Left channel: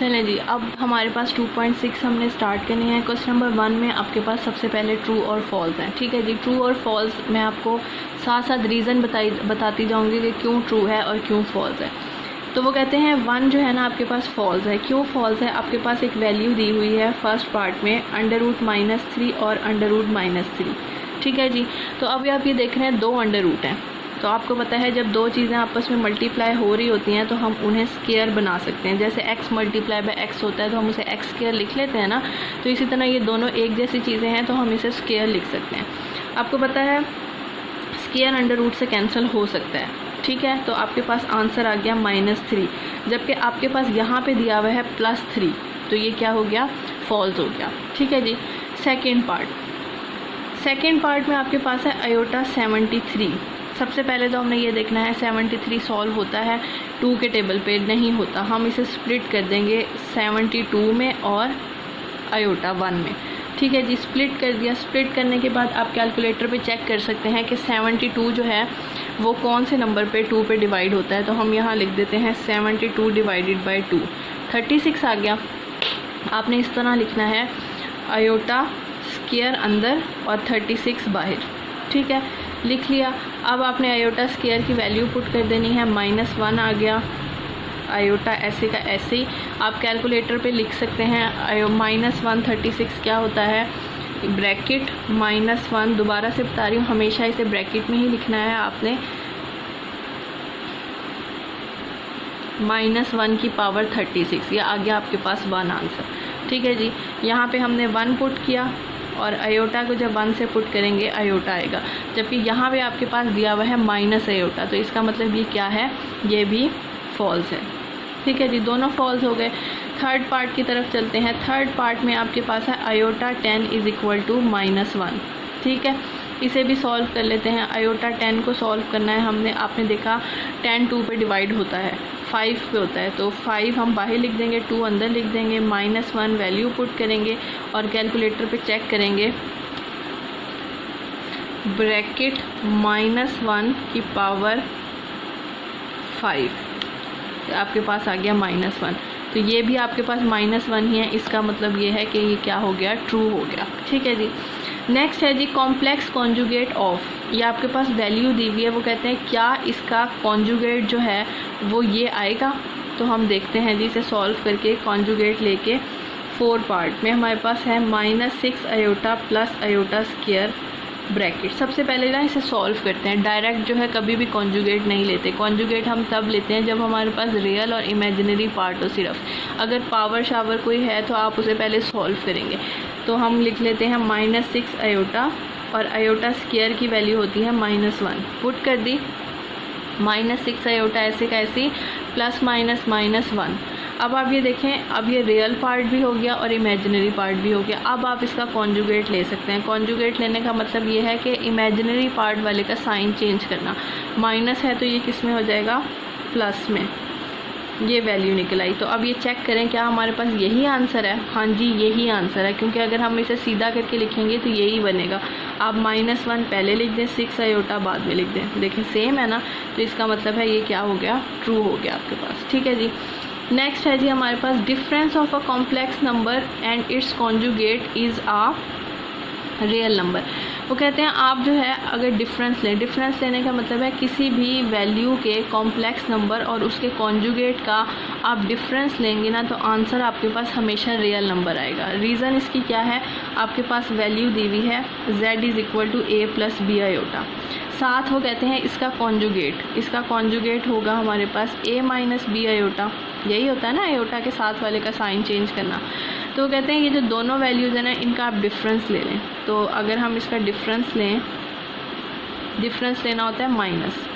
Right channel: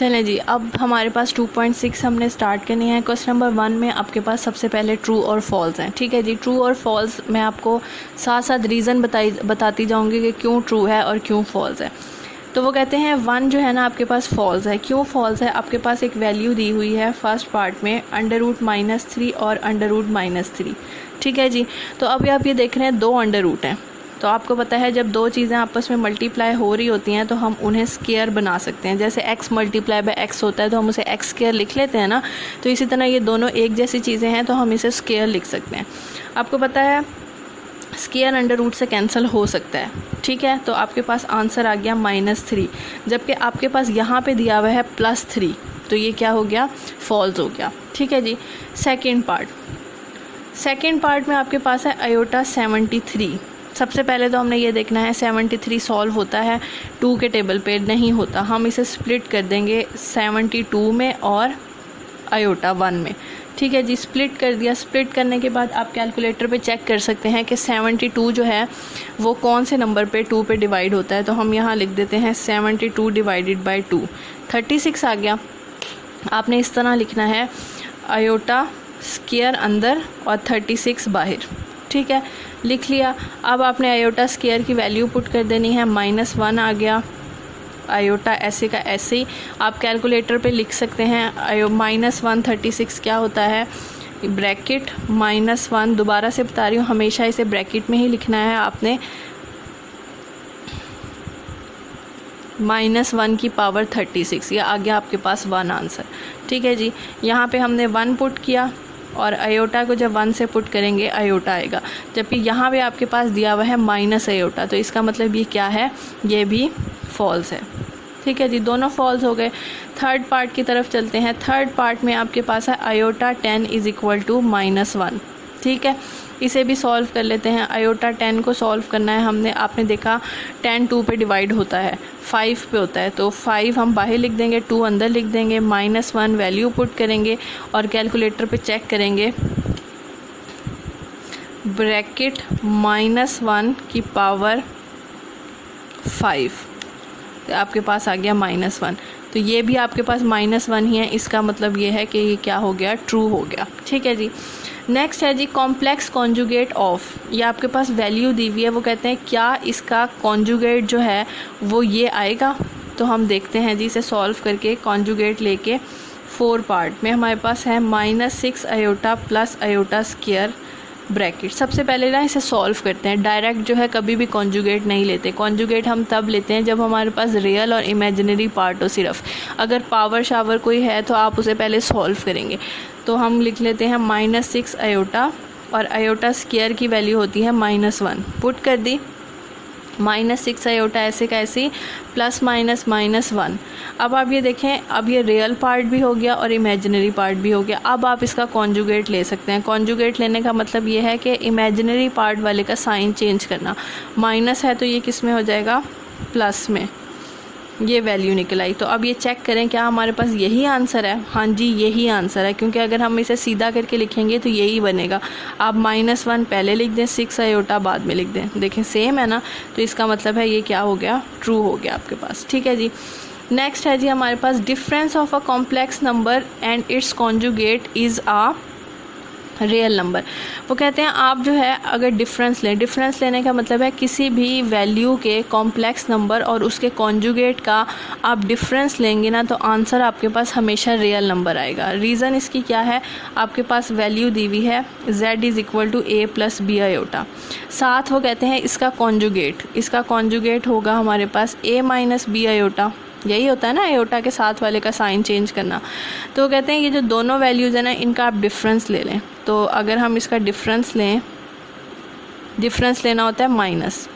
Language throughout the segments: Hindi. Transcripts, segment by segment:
चलें जी, अब हमारे पास 2.6 हमने स्टार्ट करनी है। क्वेश्चन नंबर 1 में आपके पास सबसे पहले ट्रू और फॉल्स हैं। ठीक है जी, ट्रू और फॉल्स मैं आपको साथ साथ रीज़न बताती जाऊंगी कि क्यों ट्रू है और क्यों फॉल्स है। तो वो कहते हैं 1 जो है ना आपके पास फॉल्स है। क्यों फॉल्स है? आपके पास एक वैल्यू दी हुई है फर्स्ट पार्ट में √-3 और √-3। ठीक है जी, तो अभी आप ये देख रहे हैं 2 अंडर रूट हैं। तो आपको पता है जब दो चीज़ें आपस में मल्टीप्लाई हो रही होती हैं तो हम उन्हें स्केयर बना सकते हैं। जैसे x मल्टीप्लाई बाय x होता है तो हम उसे x स्केयर लिख लेते हैं ना, तो इसी तरह ये दोनों एक जैसी चीज़ें हैं तो हम इसे स्केयर लिख सकते हैं। आपको पता है स्केयर अंडर रूट से कैंसिल हो सकता है। ठीक है, तो आपके पास आंसर आ गया -3, जबकि आपके पास यहाँ पे दिया हुआ है +3, तो ये क्या हो गया? फॉल्स हो गया। ठीक है जी, सेकेंड पार्ट में आपके पास है i73। सबसे पहले तो हमें ये देखना है 73 सॉल्व होता है 2 के टेबल पे? नहीं होता। हम इसे स्प्लिट कर देंगे 72 में और i1 में। ठीक है जी, स्प्लिट कर दिया। स्प्लिट करने के बाद आप कैलकुलेटर पे चेक कर सकते हैं कि 72 जो है वो कौन से नंबर पे 2 पे डिवाइड होता है। तो हम यहाँ लिख देते हैं 72 डिवाइडेड बाई 2, 36 आ गया। आपने इस तरह लिखना है i स्क्वायर अंदर और 36 बाहर। ठीक है, लिख लिया। अब आपने i स्क्वायर की वैल्यू पुट कर देनी है, -1 आ गया। i ऐसे का ऐसे ही आप कैलकुलेटर पे लिख सकते हैं। -1 36 क्या होता है? ब्रैकेट -1, दोबारा से बता रही हूँ, हमेशा इसे ब्रैकेट में ही लिखना है आपने। -1 की पावर 36, यह आ गया आपके पास 1 आंसर। ठीक है जी, यहाँ पे हमने 1 पुट किया और i को जब 1 से पुट करेंगे i आएगा, जबकि यहाँ पे आपके पास दिया हुआ है -i, तो इसका मतलब ये क्या है? ये भी फॉल्स है। ठीक है जी, दोनों फॉल्स हो गए। थर्ड पार्ट की तरफ चलते हैं। थर्ड पार्ट में आपके पास है i 10 = -1। ठीक है, इसे भी सॉल्व कर लेते हैं। i 10 को सॉल्व करना है हमने। आपने देखा 10 2 पे डिवाइड होता है, 5 पे होता है, तो 5 हम बाहर लिख देंगे, 2 अंदर लिख देंगे, -1 वैल्यू पुट करेंगे और कैलकुलेटर पे चेक करेंगे। ब्रैकेट -1 की पावर 5, आपके पास आ गया -1। तो ये भी आपके पास -1 ही है। इसका मतलब ये है कि ये क्या हो गया? ट्रू हो गया। ठीक है जी, नेक्स्ट है जी कॉम्प्लेक्स कॉन्जुगेट ऑफ। ये आपके पास वैल्यू दी हुई है। वो कहते हैं क्या इसका कॉन्जुगेट जो है वो ये आएगा? तो हम देखते हैं जी इसे सॉल्व करके। कॉन्जुगेट लेके 4 पार्ट में हमारे पास है -6 i plus i square bracket. सबसे पहले ना इसे सॉल्व करते हैं। डायरेक्ट जो है कभी भी कॉन्जुगेट नहीं लेते। कॉन्जुगेट हम तब लेते हैं जब हमारे पास रियल और इमेजिनरी पार्ट हो सिर्फ। अगर पावर शावर कोई है तो आप उसे पहले सॉल्व करेंगे। तो हम लिख लेते हैं -6 i और i स्क्वायर की वैल्यू होती है -1, पुट कर दी। -6 i ऐसे का ऐसे +-1। अब आप ये देखें, अब ये रियल पार्ट भी हो गया और इमेजिनरी पार्ट भी हो गया। अब आप इसका कॉन्जुगेट ले सकते हैं। कॉन्जुगेट लेने का मतलब ये है कि इमेजिनरी पार्ट वाले का साइन चेंज करना। माइनस है तो ये किस में हो जाएगा? प्लस में। ये वैल्यू निकल आई। तो अब ये चेक करें क्या हमारे पास यही आंसर है? हाँ जी, यही आंसर है, क्योंकि अगर हम इसे सीधा करके लिखेंगे तो यही बनेगा। आप -1 पहले लिख दें, 6 i बाद में लिख दें। देखें सेम है ना, तो इसका मतलब है ये क्या हो गया? ट्रू हो गया आपके पास। ठीक है जी, नेक्स्ट है जी हमारे पास difference of a complex number and its conjugate is a real number. वो कहते हैं आप जो है अगर डिफरेंस लेने का मतलब है किसी भी वैल्यू के कॉम्प्लेक्स नंबर और उसके कॉन्जुगेट का आप डिफरेंस लेंगे ना, तो आंसर आपके पास हमेशा रियल नंबर आएगा। रीज़न इसकी क्या है? आपके पास वैल्यू दी हुई है z = a + b i। साथ वो कहते हैं इसका कॉन्जुगेट होगा हमारे पास a - b i। यही होता है ना i के साथ वाले का साइन चेंज करना। तो कहते हैं ये जो दोनों वैल्यूज़ हैं ना, इनका आप डिफरेंस ले लें। तो अगर हम इसका डिफरेंस लें, डिफरेंस लेना होता है माइनस।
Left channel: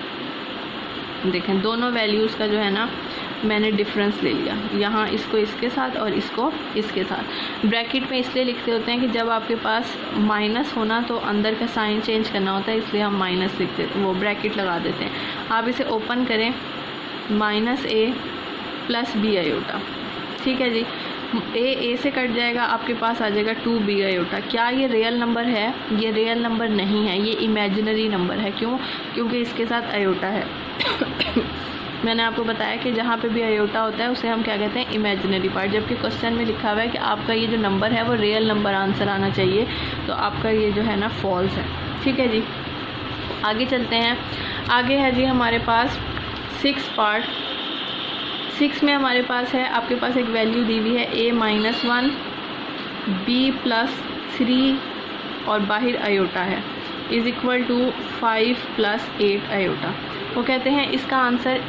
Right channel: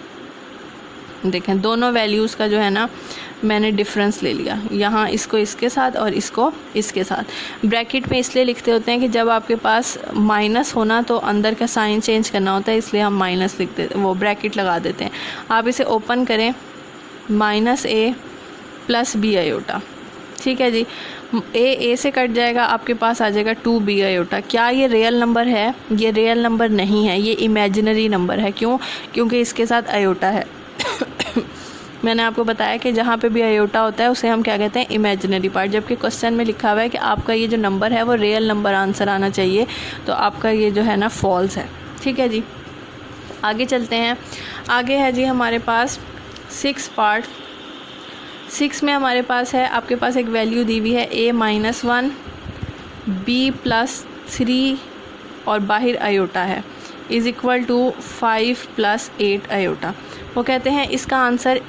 देखें दोनों वैल्यूज़ का जो है ना मैंने डिफरेंस ले लिया, यहाँ इसको इसके साथ और इसको इसके साथ। ब्रैकेट में इसलिए लिखते होते हैं कि जब आपके पास माइनस होना तो अंदर का साइन चेंज करना होता है, इसलिए हम माइनस लिखते, वो ब्रैकेट लगा देते हैं। आप इसे ओपन करें, -a + b i। ठीक है जी, a से कट जाएगा, आपके पास आ जाएगा 2b i। क्या ये रियल नंबर है? ये रियल नंबर नहीं है, ये इमेजिनरी नंबर है। क्यों? क्योंकि इसके साथ i है। मैंने आपको बताया कि जहाँ पे भी आयोटा होता है उसे हम क्या कहते हैं, इमेजिनरी पार्ट। जबकि क्वेश्चन में लिखा हुआ है कि आपका ये जो नंबर है वो रियल नंबर आंसर आना चाहिए, तो आपका ये जो है ना फॉल्स है। ठीक है जी, आगे चलते हैं। आगे है जी हमारे पास 6 पार्ट। 6 में हमारे पास है, आपके पास एक वैल्यू दी हुई है a-1 b+3 और बाहर आयोटा है इज़ इक्वल टू 5 + 8 आयोटा। वो कहते हैं इसका आंसर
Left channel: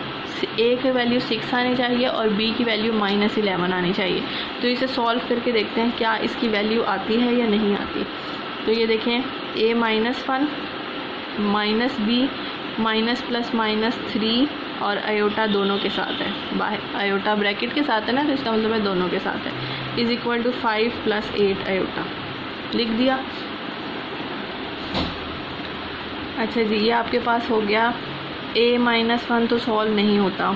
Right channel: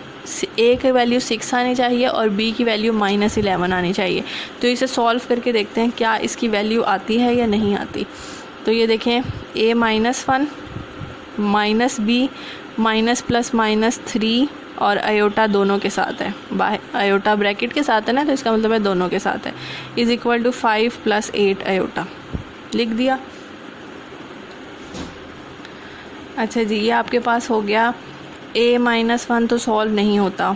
a की वैल्यू 6 आनी चाहिए और b की वैल्यू -11 आनी चाहिए। तो इसे सॉल्व करके देखते हैं क्या इसकी वैल्यू आती है या नहीं आती। तो ये देखें a-1 -b -+-3 और आयोटा दोनों के साथ है, बाहर आयोटा ब्रैकेट के साथ है ना, तो इसका मतलब है दोनों के साथ है, इज़ इक्वल टू 5 + 8 आयोटा। लिख दिया। अच्छा जी, ये आपके पास हो गया। a-1 तो सॉल्व नहीं होता।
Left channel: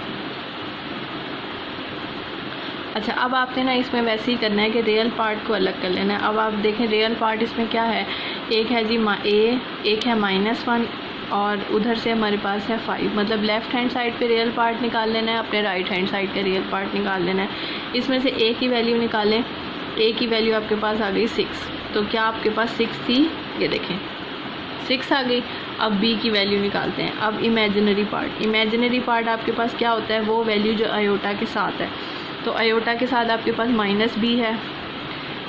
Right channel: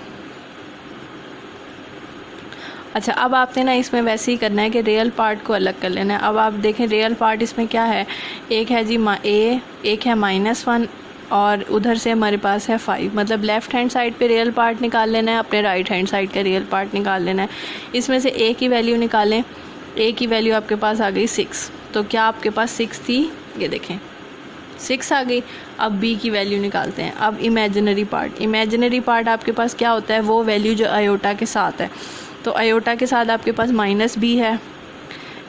अच्छा, अब आपने ना इसमें वैसे ही करना है कि रियल पार्ट को अलग कर लेना है। अब आप देखें रियल पार्ट इसमें क्या है, एक है जी एक है -1 और उधर से हमारे पास है 5। मतलब लेफ़्ट हैंड साइड पे रियल पार्ट निकाल लेना है, अपने राइट हैंड साइड का रियल पार्ट निकाल लेना है। इसमें से a की वैल्यू निकालें। a की वैल्यू आपके पास आ गई 6, तो क्या आपके पास 6 थी, ये देखें 6 आ गई। अब b की वैल्यू निकालते हैं। अब इमेजिनरी पार्ट आपके पास क्या होता है, वो वैल्यू जो आयोटा के साथ है। तो आयोटा के साथ आपके पास -b है,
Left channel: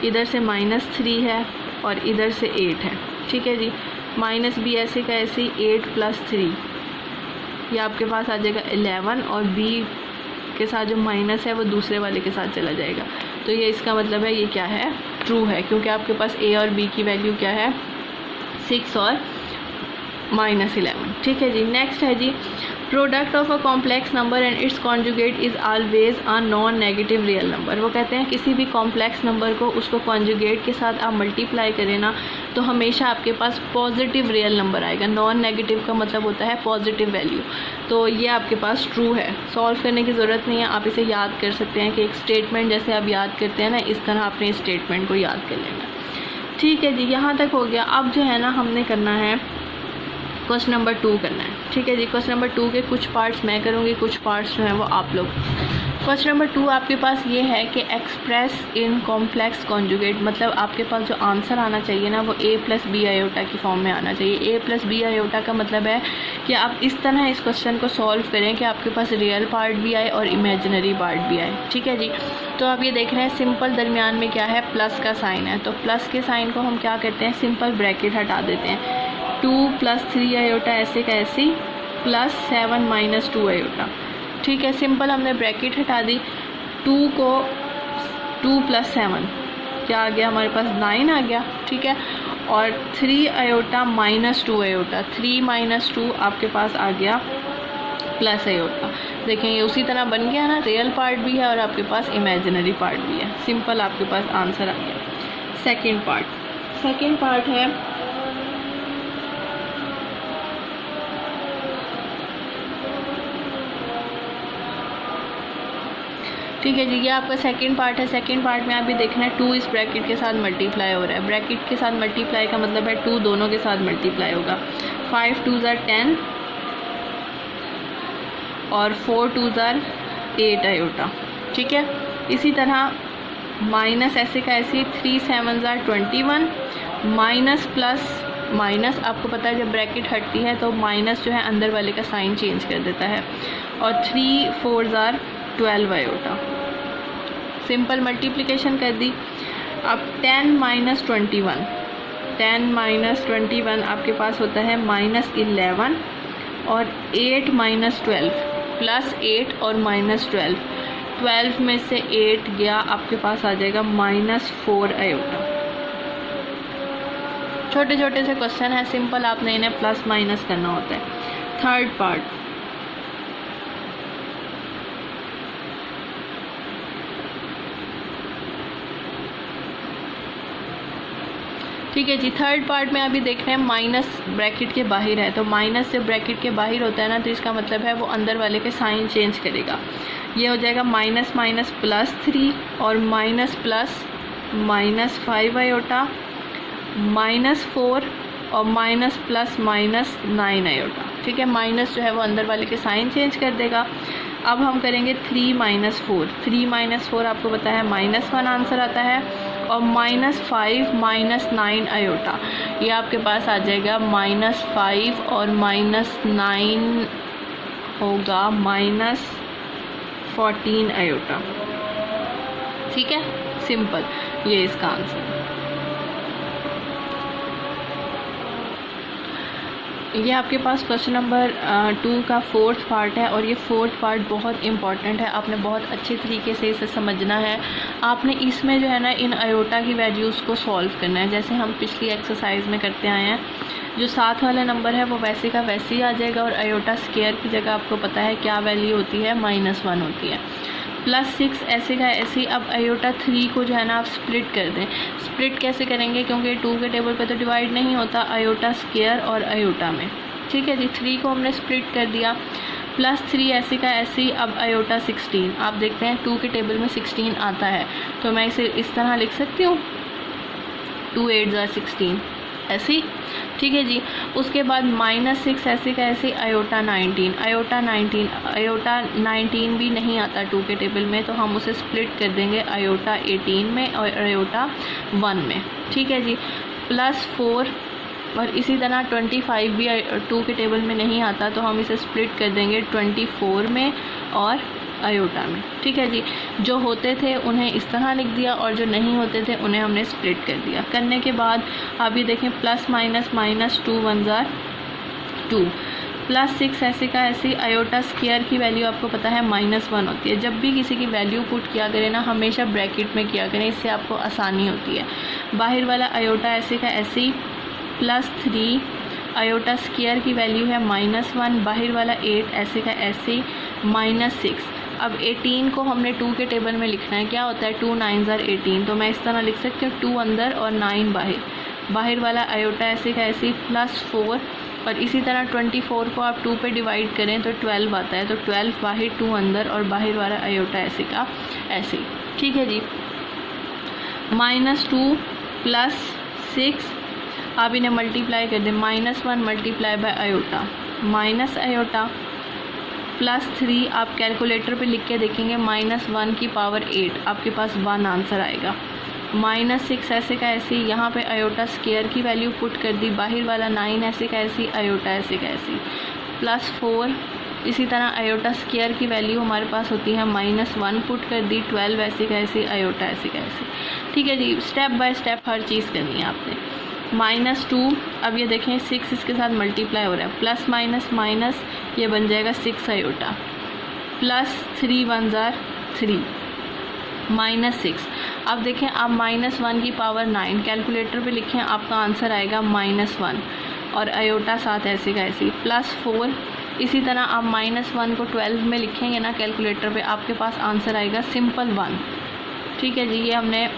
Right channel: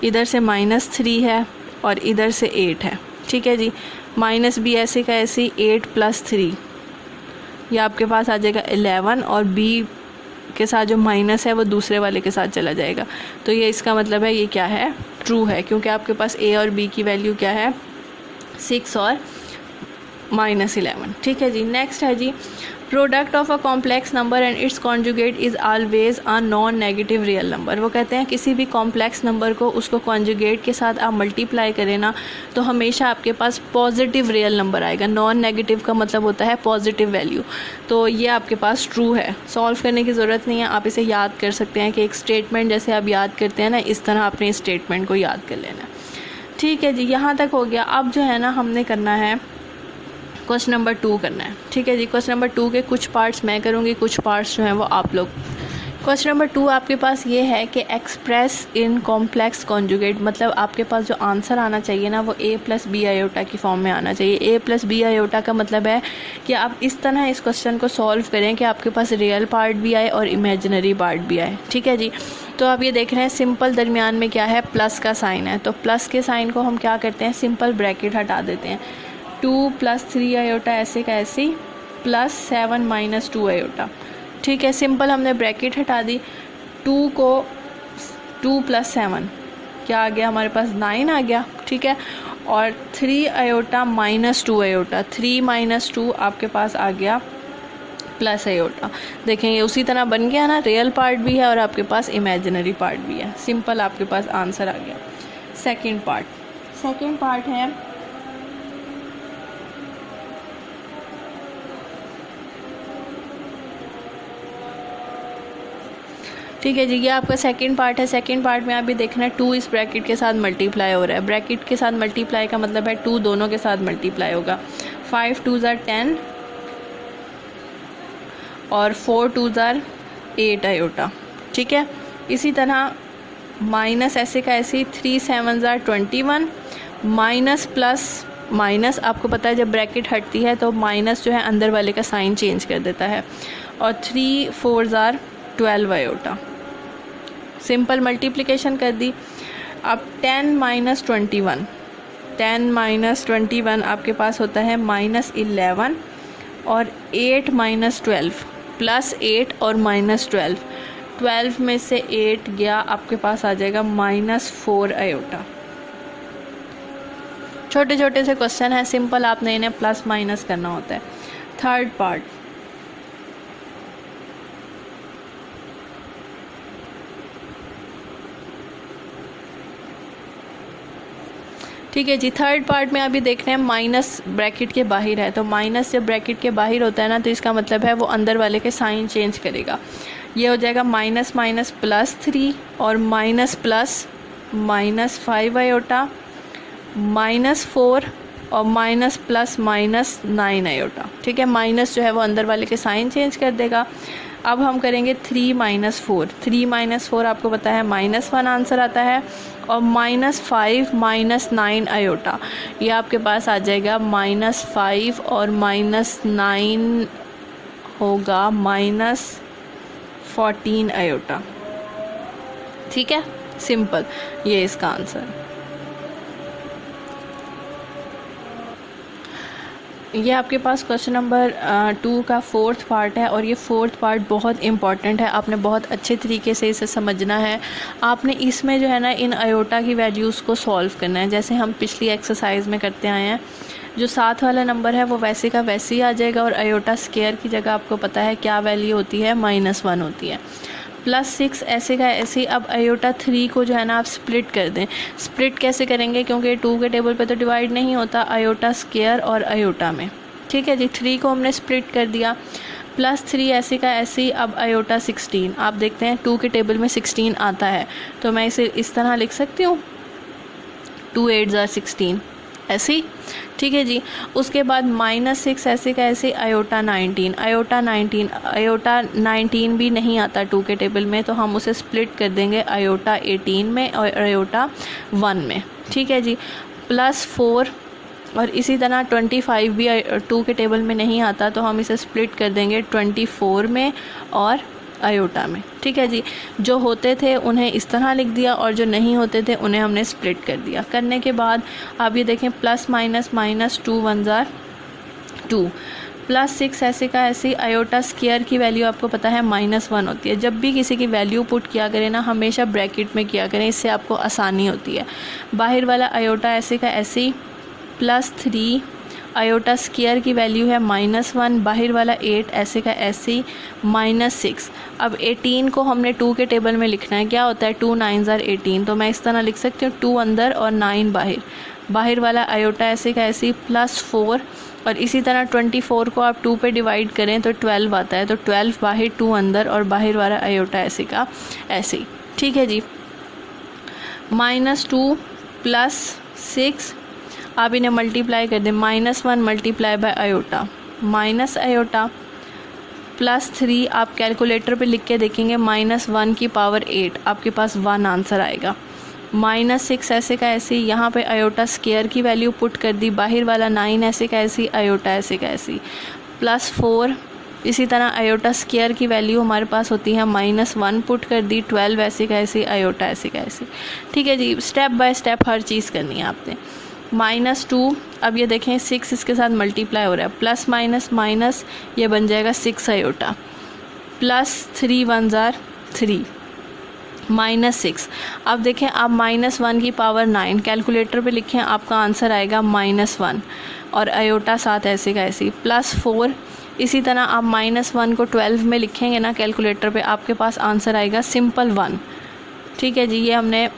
इधर से -3 है और इधर से 8 है। ठीक है जी, -b ऐसे का ऐसे 8 + 3, ये आपके पास आ जाएगा 11 और b के साथ जो माइनस है वो दूसरे वाले के साथ चला जाएगा। तो ये इसका मतलब है ये क्या है, ट्रू है, क्योंकि आपके पास a और b की वैल्यू क्या है, 6 और -11। ठीक है जी, नेक्स्ट है जी product of a complex number and its conjugate is always a non negative real number. वो कहते हैं किसी भी कॉम्प्लेक्स नंबर को उसको कॉन्जुगेट के साथ आप मल्टीप्लाई करें ना, तो हमेशा आपके पास पॉजिटिव रियल नंबर आएगा। नॉन नेगेटिव का मतलब होता है पॉजिटिव वैल्यू। तो ये आपके पास ट्रू है, सॉल्व करने की ज़रूरत नहीं है, आप इसे याद कर सकते हैं कि एक स्टेटमेंट जैसे आप याद करते हैं ना, इस तरह आपने इस स्टेटमेंट को याद कर लेना। ठीक है जी, यहाँ तक हो गया। अब जो है ना हमने करना है क्वेश्चन नंबर 2 करना है। ठीक है जी, क्वेश्चन नंबर 2 के कुछ पार्ट्स मैं करूँगी, कुछ पार्ट्स जो हैं वो आप लोग। क्वेश्चन नंबर 2 आपके पास ये है कि एक्सप्रेस इन कॉम्प्लेक्स कॉन्जुगेट, मतलब आपके पास जो आंसर आना चाहिए ना वो a + b आयोटा की फॉर्म में आना चाहिए। a + b आयोटा का मतलब है कि आप इस तरह इस क्वेश्चन को सॉल्व करें कि आपके पास रियल पार्ट भी आए और इमेजिनरी पार्ट भी आए। ठीक है जी, तो आप ये देख रहे हैं सिंपल दरमियान में क्या है, प्लस का साइन है। तो प्लस के साइन को हम क्या करते हैं, सिंपल ब्रैकेट हटा देते हैं। 2 + 3 आयोटा ऐसे का ऐसे +7 - 2 आयोटा। ठीक है, सिंपल हमने ब्रैकेट हटा दी। 2 + 7 क्या आ गया हमारे पास, 9 आ गया। ठीक है, और 3 आयोटा -2 आयोटा, 3 - 2 आपके पास आ गया प्लस आयोटा। देखेंगे उसी तरह बन गया ना, रियल पार्ट भी है और आपके पास इमेजिनरी पार्ट भी है। सिंपल आपके पास आंसर आ गया। सेकंड पार्ट है ठीक है जी, ये आपका सेकंड पार्ट है। सेकंड पार्ट में आप भी देखना है 2 इस ब्रैकेट के साथ मल्टीप्लाई हो रहा है। ब्रैकेट के साथ मल्टीप्लाई का मतलब है 2 दोनों के साथ मल्टीप्लाई होगा। 5 × 2 = 10 और 4 × 2 = 8 आयोटा। ठीक है, इसी तरह माइनस ऐसे का ऐसे 3 × 7 = 21, माइनस प्लस माइनस, आपको पता है जब ब्रैकेट हटती है तो माइनस जो है अंदर वाले का साइन चेंज कर देता है, और 3 × 4 = 12 आयोटा। सिंपल मल्टीप्लिकेशन कर दी। अब 10 - 21, 10 - 21 आपके पास होता है -11 और 8 - 12 +8 और -12, 12 में से 8 गया, आपके पास आ जाएगा -4 आयोटा। छोटे छोटे से क्वेश्चन है, सिंपल आपने इन्हें प्लस माइनस करना होता है। थर्ड पार्ट ठीक है जी, थर्ड पार्ट में अभी देख रहे हैं माइनस ब्रैकेट के बाहर है, तो माइनस जब ब्रैकेट के बाहर होता है ना तो इसका मतलब है वो अंदर वाले के साइन चेंज करेगा। ये हो जाएगा -- +3 और -+ -5 आयोटा, -4 और -+ -9 आयोटा। ठीक है, माइनस जो है वो अंदर वाले के साइन चेंज कर देगा। अब हम करेंगे 3 - 4। 3 - 4 आपको पता है -1 आंसर आता है, और -5 - 9 आयोटा, ये आपके पास आ जाएगा -5 और -9 होगा -14 आयोटा। ठीक है, सिंपल, ये इसका आंसर। ये आपके पास क्वेश्चन नंबर 2 का 4th पार्ट है, और ये 4th पार्ट बहुत इंपॉर्टेंट है, आपने बहुत अच्छे तरीके से इसे समझना है। आपने इसमें जो है ना इन आयोटा की वैल्यूज़ को सॉल्व करना है, जैसे हम पिछली एक्सरसाइज में करते आए हैं। जो साथ वाला नंबर है वो वैसे का वैसे ही आ जाएगा, और आयोटा स्क्वायर की जगह आपको पता है क्या वैल्यू होती है, -1 होती है। +6 ऐसे का ऐसे। अब आयोटा 3 को जो है ना आप स्प्लिट कर दें। स्प्लिट कैसे करेंगे, क्योंकि 2 के टेबल पे तो डिवाइड नहीं होता आयोटा स्क्वायर और आयोटा में। ठीक है जी, 3 को हमने स्प्लिट कर दिया। +3 ऐसे का ऐसे। अब आयोटा 16, आप देखते हैं 2 के टेबल में 16 आता है, तो मैं इसे इस तरह लिख सकती हूँ, 2 8 = 16 ऐसे ही। ठीक है जी, उसके बाद -6 ऐसे का ऐसे। आयोटा 19, आयोटा 19 भी नहीं आता 2 के टेबल में, तो हम उसे स्प्लिट कर देंगे आयोटा 18 में और आयोटा 1 में। ठीक है जी, +4 और इसी तरह 25 भी 2 के टेबल में नहीं आता, तो हम इसे स्प्लिट कर देंगे 24 में और आयोटा में। ठीक है जी, जो होते थे उन्हें इस तरह लिख दिया, और जो नहीं होते थे उन्हें हमने स्प्लिट कर दिया। करने के बाद आप ये देखें, +- -2 1 = 2। +6 ऐसे का ऐसे। आयोटा स्क्वायर की वैल्यू आपको पता है -1 होती है। जब भी किसी की वैल्यू पुट किया करें ना, हमेशा ब्रैकेट में किया करें, इससे आपको आसानी होती है। बाहर वाला आयोटा ऐसे का ऐसे। +3 आयोटा स्क्वायर की वैल्यू है -1, बाहर वाला 8 ऐसे का ऐसे। -6। अब 18 को हमने 2 के टेबल में लिखना है, क्या होता है 2 9 = 18, तो मैं इस तरह लिख सकती हूँ 2 अंदर और 9 बाहर। बाहर वाला आयोटा ऐसे का ऐसे। +4 और इसी तरह 24 को आप 2 पे डिवाइड करें तो 12 आता है, तो 12 बाहर 2 अंदर और बाहर वाला आयोटा ऐसे का ऐसे। ठीक है जी, -2 +6 आप इन्हें मल्टीप्लाई कर दें। -1 multiply by iota minus iota. +3 आप कैलकुलेटर पे लिख के देखेंगे, -1 की पावर 8 आपके पास 1 आंसर आएगा। -6 ऐसे का ऐसे। यहाँ पे आयोटा स्क्वायर की वैल्यू पुट कर दी, बाहर वाला 9 ऐसे का ऐसी, आयोटा ऐसे का ऐसी। +4 इसी तरह आयोटा स्क्वायर की वैल्यू हमारे पास होती है -1 पुट कर दी, 12 ऐसे का ऐसे, आयोटा ऐसे का ऐसे। ठीक है जी, स्टेप बाय स्टेप हर चीज़ करनी है आपने। -2 अब ये देखें 6 इसके साथ मल्टीप्लाई हो रहा है, प्लस माइनस माइनस ये बन जाएगा 6 आयोटा। +3 1 = 3 -6। अब देखें आप -1 की पावर 9 कैलकुलेटर पे लिखें, आपका आंसर आएगा -1 और आयोटा साथ ऐसे का ऐसे। +4 इसी तरह आप -1 को 12 में लिखेंगे ना कैलकुलेटर पे, आपके पास आंसर आएगा सिंपल 1। ठीक है जी, ये हमने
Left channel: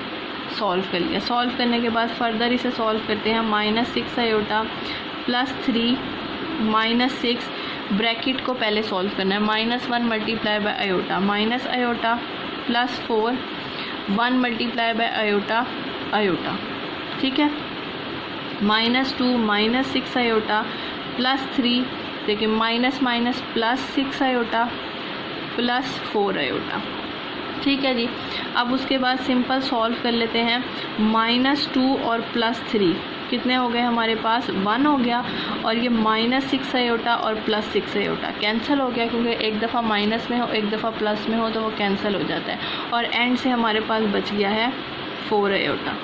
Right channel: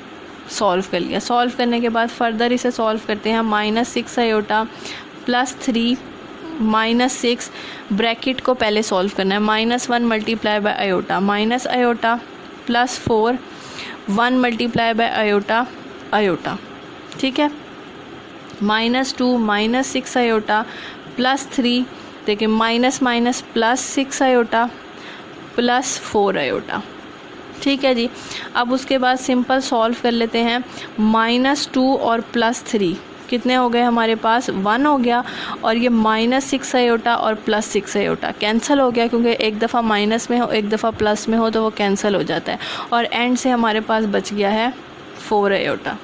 सॉल्व कर लिया। सॉल्व करने के बाद फर्दर इसे सॉल्व करते हैं। -6 आयोटा +3 -6 ब्रैकेट को पहले सॉल्व करना है। -1 multiply by iota minus iota +4 1 multiply by iota iota. ठीक है, -2 -6 आयोटा +3 देखिए माइनस माइनस +6 आयोटा +4 आयोटा। ठीक है जी, अब उसके बाद सिंपल सॉल्व कर लेते हैं। -2 और +3 कितने हो गए हमारे पास, 1 हो गया, और ये -6 आयोटा और +6 आयोटा कैंसिल हो गया, क्योंकि एक दफ़ा माइनस में हो एक दफ़ा प्लस में हो तो वो कैंसिल हो जाता है, और एंड से हमारे पास बच गया है 4 आयोटा।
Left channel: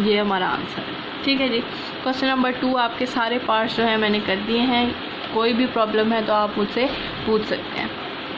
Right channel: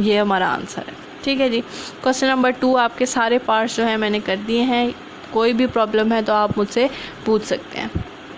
ये हमारा आंसर है। ठीक है जी, क्वेश्चन नंबर 2 आपके सारे पार्ट्स जो हैं मैंने कर दिए हैं। कोई भी प्रॉब्लम है तो आप मुझसे पूछ सकते हैं।